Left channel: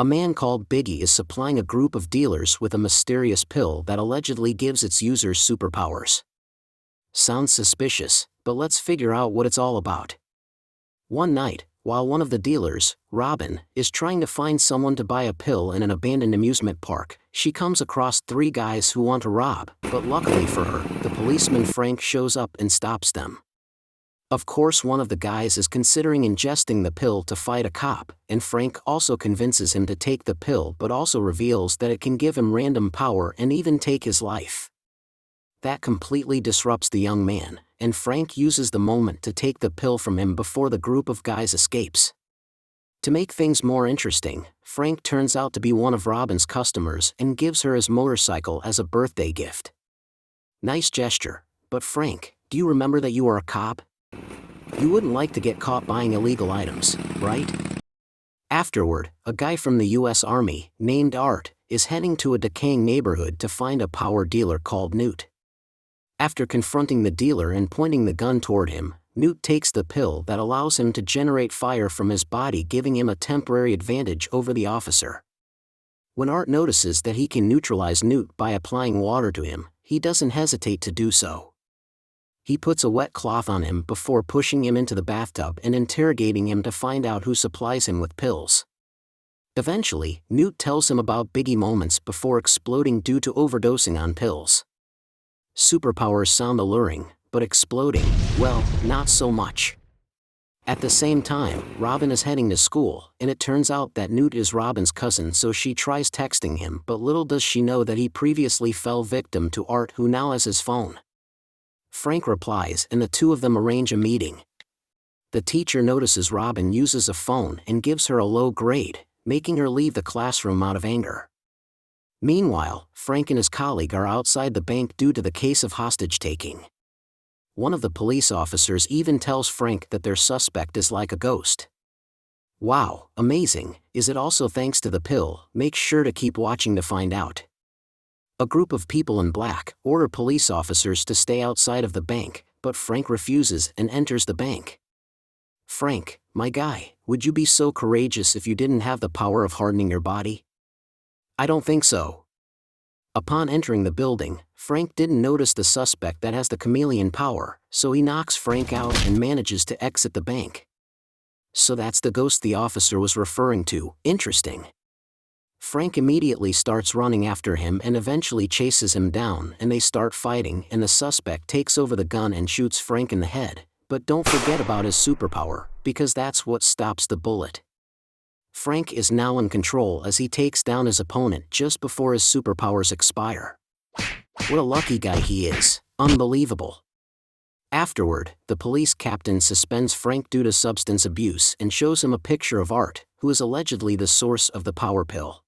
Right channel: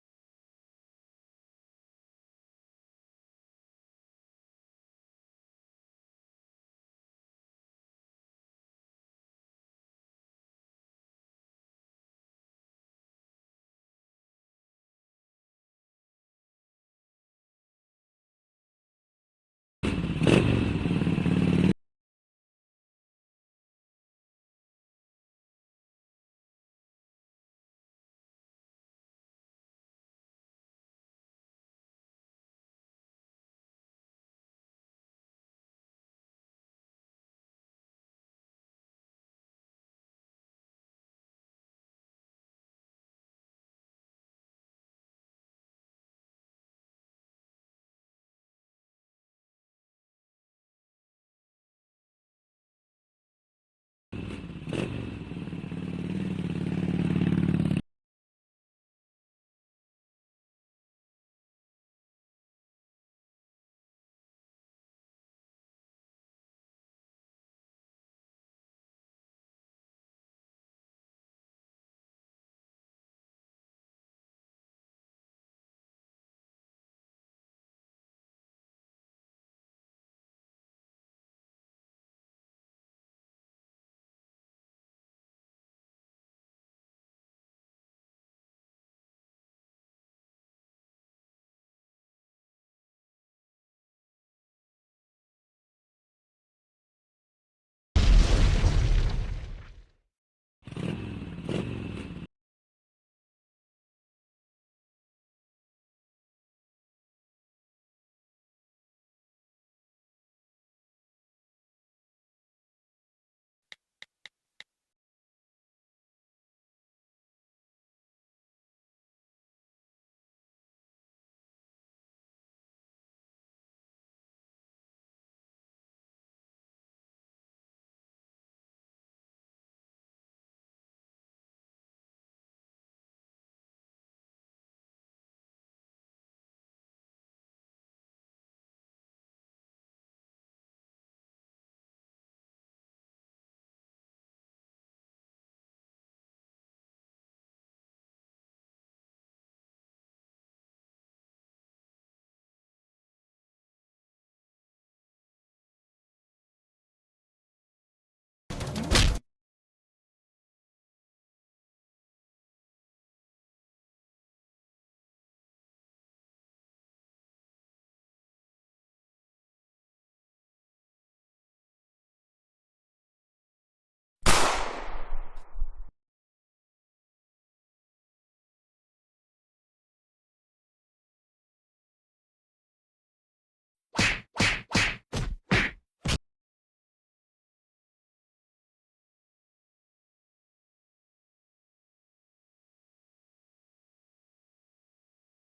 A man called Biggie is supplying a group of dealers with a mysterious pill that allegedly gives its users superpowers. Sounds suspicious, but let's figure out what it's all about. One night, while one of the dealers, Robin, is trying to find someone to buy a pill in an abandoned amusement park, she comes across three guys who want to rob, but luckily for her, the policeman Frank shows up and stops them. Of course, one of the guys is considering ingesting the pill to fight a cop, and Frank also convinces him to take the pill but also reveals that it can give him random power and even take his life. That completely disrupts the young man, and Frank uses the moment to take the pill from him before the group of guys escapes. To make things more interesting, Frank turns out to be one of Robin's customers and gives her his motorcycle as a birthday gift. Nice gesture, but Frank, do you remember that you are a cop? You wouldn't like to get caught buying illegal items, right? Afterward, a guy from the US Army, named Art, is heading to a decaying neighborhood to find a power dealer called Newt. After confronting the dealer and pointing the gun toward him, Newt takes the pill that allows him to generate fire from his body, giving him a temporary advantage over the officer. When Art notices that he can neutralize Newt by applying water to him, he doesn't hesitate to do so. He puts a wet cloth on him before pushing him into the bathtub and interrogating him to find out who supplies him with pills. Eventually, Newt tells him about Biggie moments before exploding due to overdosing on pills. Superpowers sound alluring, but exploding, well, not so much. At the same time, Robin is heading to school, and it turns out that Newt is Robin's cousin, so she tries texting him, but little does she know that he previously fell victim to Art, who now has his phone. Frank replies and the two of them arrange a meeting. The teacher notices Robin uses a phone and gives her a low grade, making her leave the classroom out of anger. Meanwhile, Frank and his colleague are outside the bank due to the case of hostage-taking. One of the police officers even tells Frank that their suspect is like a ghost. Wow, amazing, is it also thanks to the pill? Make sure to keep watching to find out. A group of people in black order police officers to stay outside of the bank, but Frank refuses and enters the bank. Frank, my guy, would you be so courageous if you didn't have the power of hardening your body? I don't think so. Upon entering the building, Frank didn't notice the suspect that has the chameleon power, so he knocks Frank out and manages to exit the bank. So that's the ghost the officer was referring to. Interesting. Frank immediately starts running after him and eventually chases him down, and they start fighting, and the suspect takes over the gun and shoots Frank in the head, but don't forget about his superpower, because that's what stops the bullet. Frank is now in control as he takes down his opponent just before his superpowers expire. What a lucky guy he is, unbelievable. Afterward, the police captain suspends Frank due to substance abuse and shows him a picture of Art, who is allegedly the source of the power pill.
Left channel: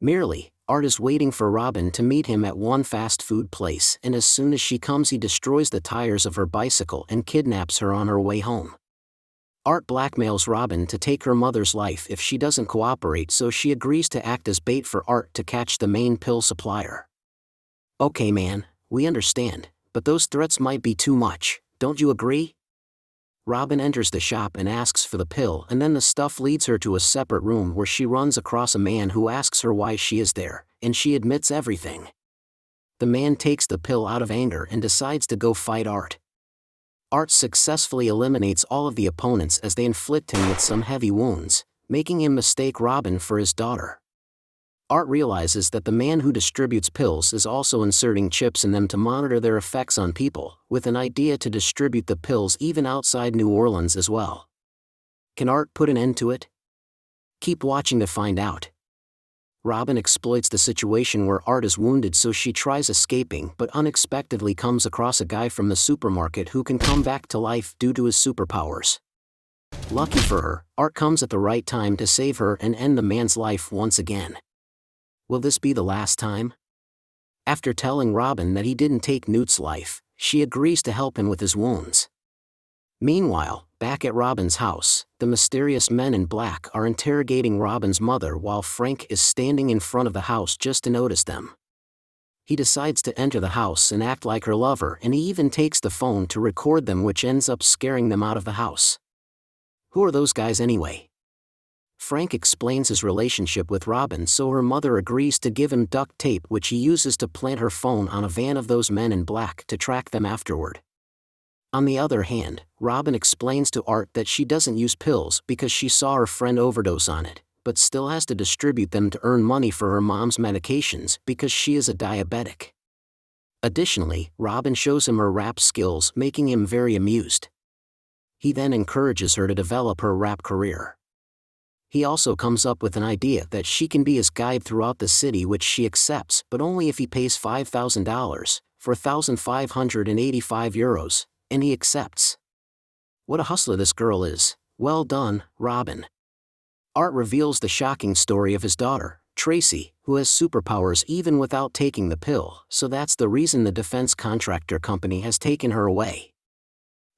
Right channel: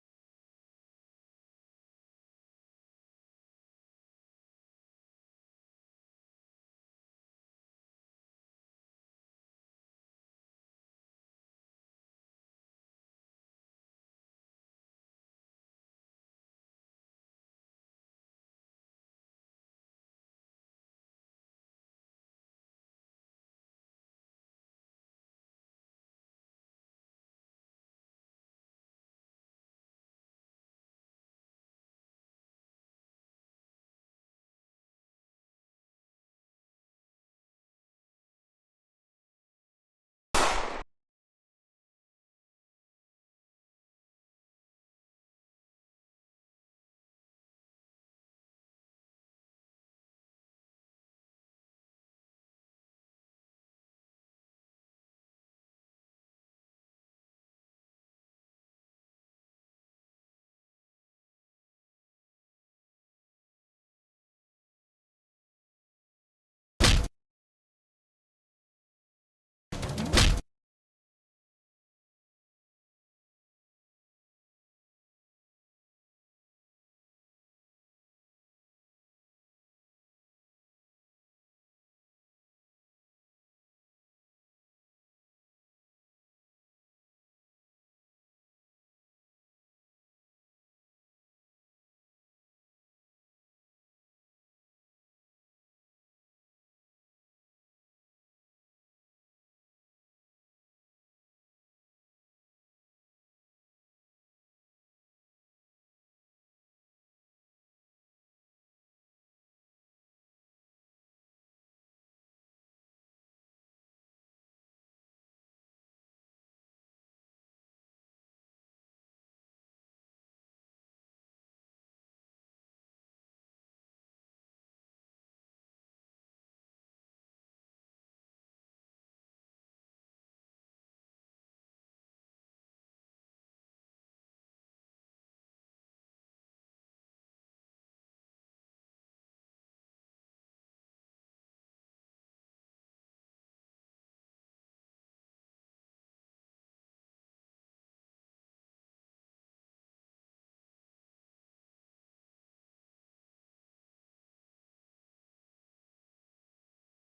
Merely, Art is waiting for Robin to meet him at one fast food place, and as soon as she comes he destroys the tires of her bicycle and kidnaps her on her way home. Art blackmails Robin to take her mother's life if she doesn't cooperate, so she agrees to act as bait for Art to catch the main pill supplier. Okay man, we understand, but those threats might be too much, don't you agree? Robin enters the shop and asks for the pill, and then the stuff leads her to a separate room where she runs across a man who asks her why she is there, and she admits everything. The man takes the pill out of anger and decides to go fight Art. Art successfully eliminates all of the opponents as they inflict him with some heavy wounds, making him mistake Robin for his daughter. Art realizes that the man who distributes pills is also inserting chips in them to monitor their effects on people, with an idea to distribute the pills even outside New Orleans as well. Can Art put an end to it? Keep watching to find out. Robin exploits the situation where Art is wounded, so she tries escaping but unexpectedly comes across a guy from the supermarket who can come back to life due to his superpowers. Lucky for her, Art comes at the right time to save her and end the man's life once again. Will this be the last time? After telling Robin that he didn't take Newt's life, she agrees to help him with his wounds. Meanwhile, back at Robin's house, the mysterious men in black are interrogating Robin's mother while Frank is standing in front of the house just to notice them. He decides to enter the house and act like her lover, and he even takes the phone to record them, which ends up scaring them out of the house. Who are those guys anyway? Frank explains his relationship with Robin, so her mother agrees to give him duct tape, which he uses to plant her phone on a van of those men in black to track them afterward. On the other hand, Robin explains to Art that she doesn't use pills because she saw her friend overdose on it, but still has to distribute them to earn money for her mom's medications because she is a diabetic. Additionally, Robin shows him her rap skills, making him very amused. He then encourages her to develop her rap career. He also comes up with an idea that she can be his guide throughout the city, which she accepts, but only if he pays $5,000, €4,585, and he accepts. What a hustler this girl is. Well done, Robin. Art reveals the shocking story of his daughter, Tracy, who has superpowers even without taking the pill, so that's the reason the defense contractor company has taken her away.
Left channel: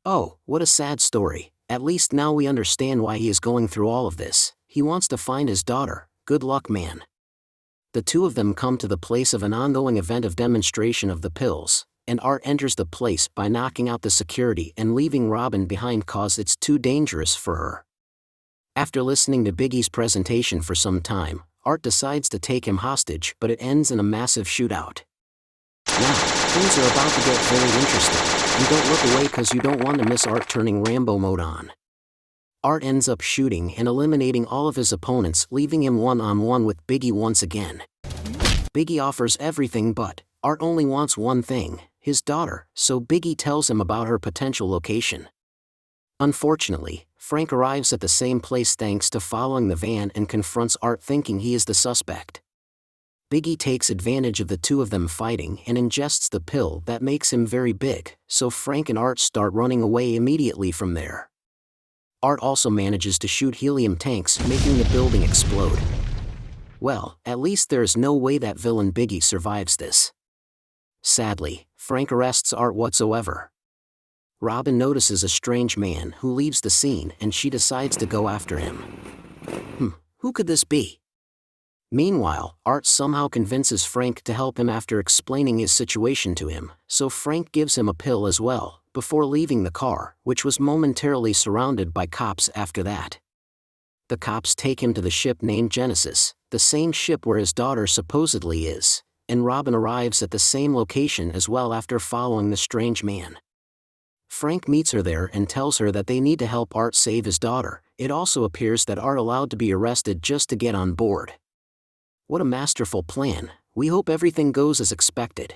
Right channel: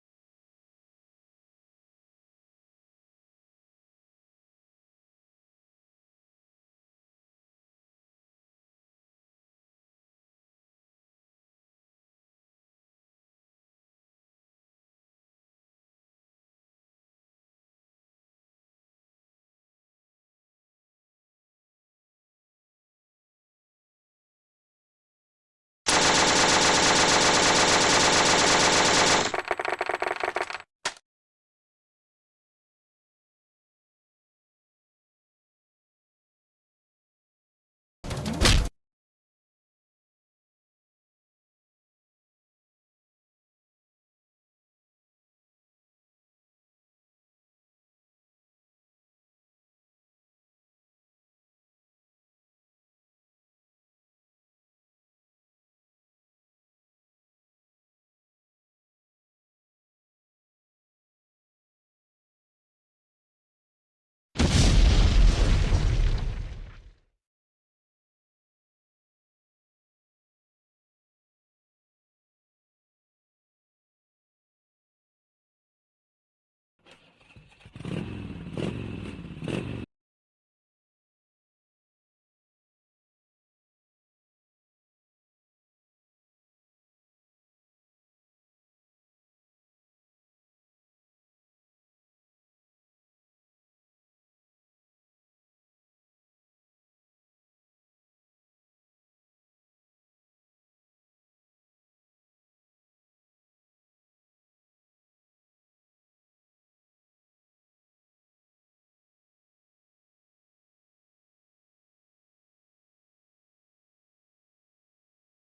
Oh, what a sad story. At least now we understand why he is going through all of this. He wants to find his daughter. Good luck, man. The two of them come to the place of an ongoing event of demonstration of the pills, and Art enters the place by knocking out the security and leaving Robin behind cause it's too dangerous for her. After listening to Biggie's presentation for some time, Art decides to take him hostage, but it ends in a massive shootout. Now, things are about to get very interesting. You don't look away because you don't want to miss Art turning Rambo mode on. Art ends up shooting and eliminating all of his opponents, leaving him one-on-one with Biggie once again. Biggie offers everything, but Art only wants one thing, his daughter, so Biggie tells him about her potential location. Unfortunately, Frank arrives at the same place thanks to following the van and confronts Art, thinking he is the suspect. Biggie takes advantage of the two of them fighting and ingests the pill that makes him very big, so Frank and Art start running away immediately from there. Art also manages to shoot helium tanks, making the building explode. Well, at least there is no way that villain Biggie survives this. Sadly, Frank arrests Art whatsoever. Robin notices a strange man who leaves the scene and she decides to go after him. Who could this be? Meanwhile, Art somehow convinces Frank to help him after explaining his situation to him, so Frank gives him a pill as well, before leaving the car, which was momentarily surrounded by cops after that. The cops take him to the ship named Genesis, the same ship where his daughter supposedly is, and Robin arrives at the same location as well after following the strange man. Frank meets her there and tells her that they need to help Art save his daughter. It also appears that Art allowed to be arrested just to get on board. What a masterful plan. We hope everything goes as expected.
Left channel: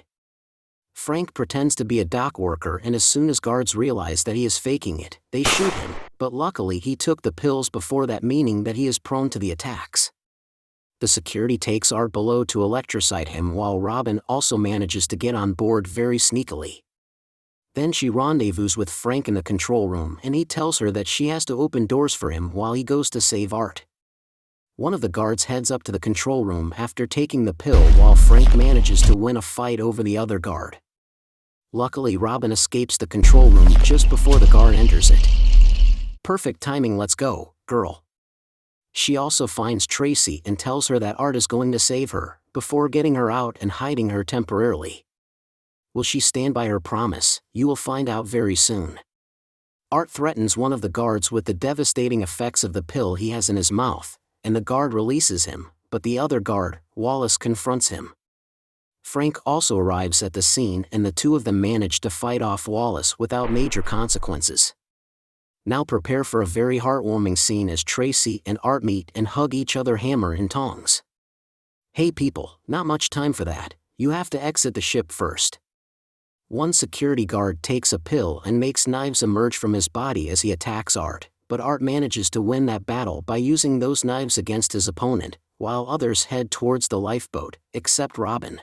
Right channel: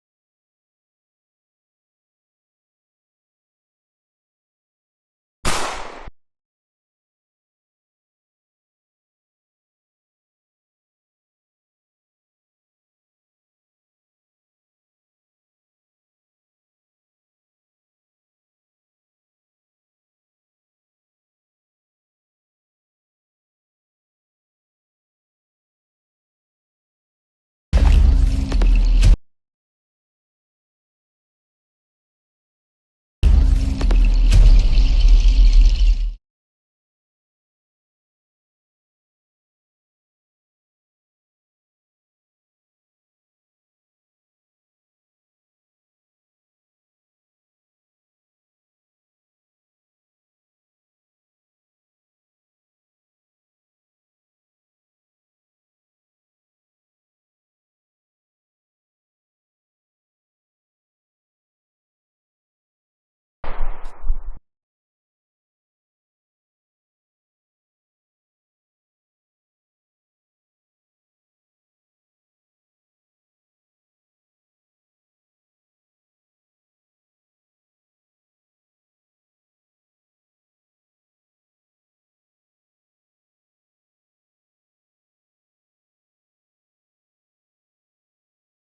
Frank pretends to be a dock worker, and as soon as guards realize that he is faking it, they shoot him, but luckily he took the pills before that, meaning that he is prone to the attacks. The security takes Art below to electrocute him, while Robin also manages to get on board very sneakily. Then she rendezvous with Frank in the control room, and he tells her that she has to open doors for him while he goes to save Art. One of the guards heads up to the control room after taking the pill, while Frank manages to win a fight over the other guard. Luckily, Robin escapes the control room just before the guard enters it. Perfect timing, let's go, girl. She also finds Tracy and tells her that Art is going to save her, before getting her out and hiding her temporarily. Will she stand by her promise? You will find out very soon. Art threatens one of the guards with the devastating effects of the pill he has in his mouth, and the guard releases him, but the other guard, Wallace, confronts him. Frank also arrives at the scene, and the two of them manage to fight off Wallace without major consequences. Now prepare for a very heartwarming scene as Tracy and Art meet and hug each other hammer and tongs. Hey people, not much time for that, you have to exit the ship first. One security guard takes a pill and makes knives emerge from his body as he attacks Art, but Art manages to win that battle by using those knives against his opponent, while others head towards the lifeboat, except Robin.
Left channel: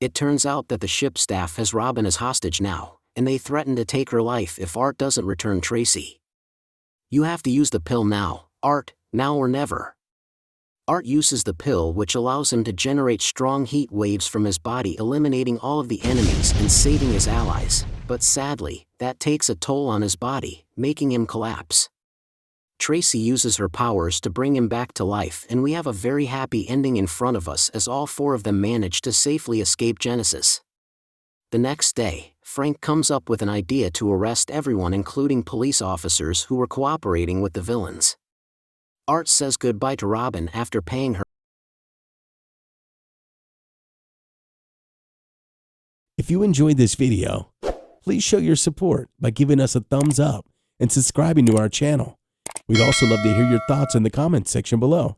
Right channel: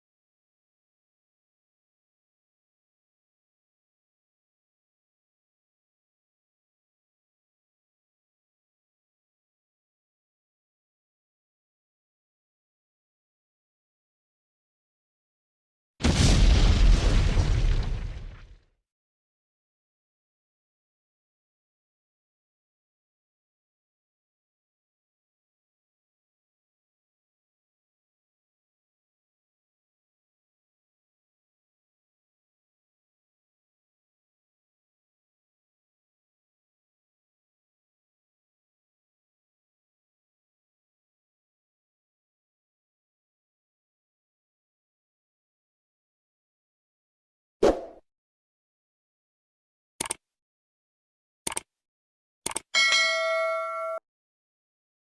It turns out that the ship staff has Robin as hostage now, and they threaten to take her life if Art doesn't return Tracy. You have to use the pill now, Art, now or never. Art uses the pill, which allows him to generate strong heat waves from his body, eliminating all of the enemies and saving his allies, but sadly, that takes a toll on his body, making him collapse. Tracy uses her powers to bring him back to life, and we have a very happy ending in front of us as all four of them manage to safely escape Genesis. The next day, Frank comes up with an idea to arrest everyone, including police officers who were cooperating with the villains. Art says goodbye to Robin after paying her. If you enjoyed this video, please show your support by giving us a thumbs up and subscribing to our channel. We'd also love to hear your thoughts in the comments section below.